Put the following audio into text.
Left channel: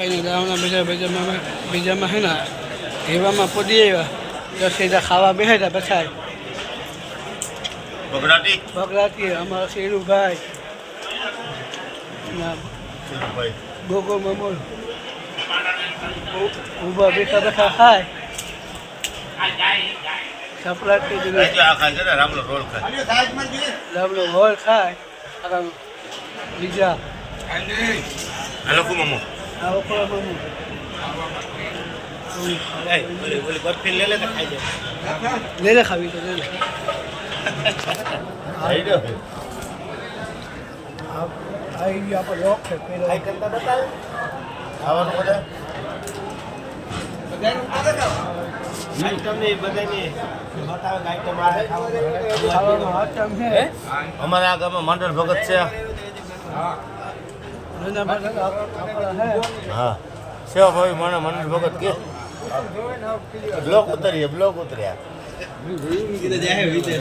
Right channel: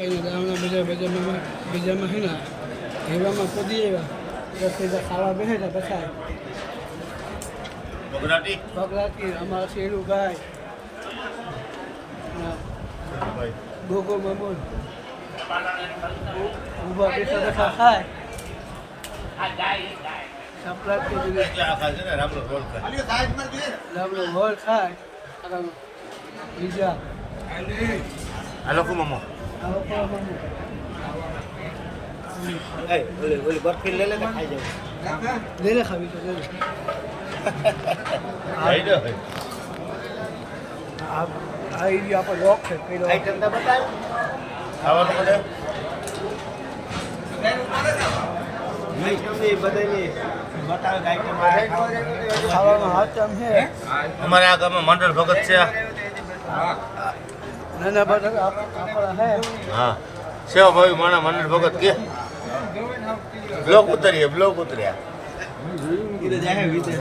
ખાઈને ગામના બીજામાં હે ને હેવામાં પડી આવ્યા તો સીધા ખાવા બેઠા પછી બગડાટી અમારા શેરુભાઈ ગોગો મમૂલ ઊભા બેઠા ખાય રામનો રોલ ખાય બીજા લે લે ખાવી તો લે લે આવી આપણે લોક છે પેલો અમારે આ ગામમાં મંડળ ભગત છે હા સેવા ભાઈ મારા મંડળ ભગત કે બ્લોક ઉતર્યા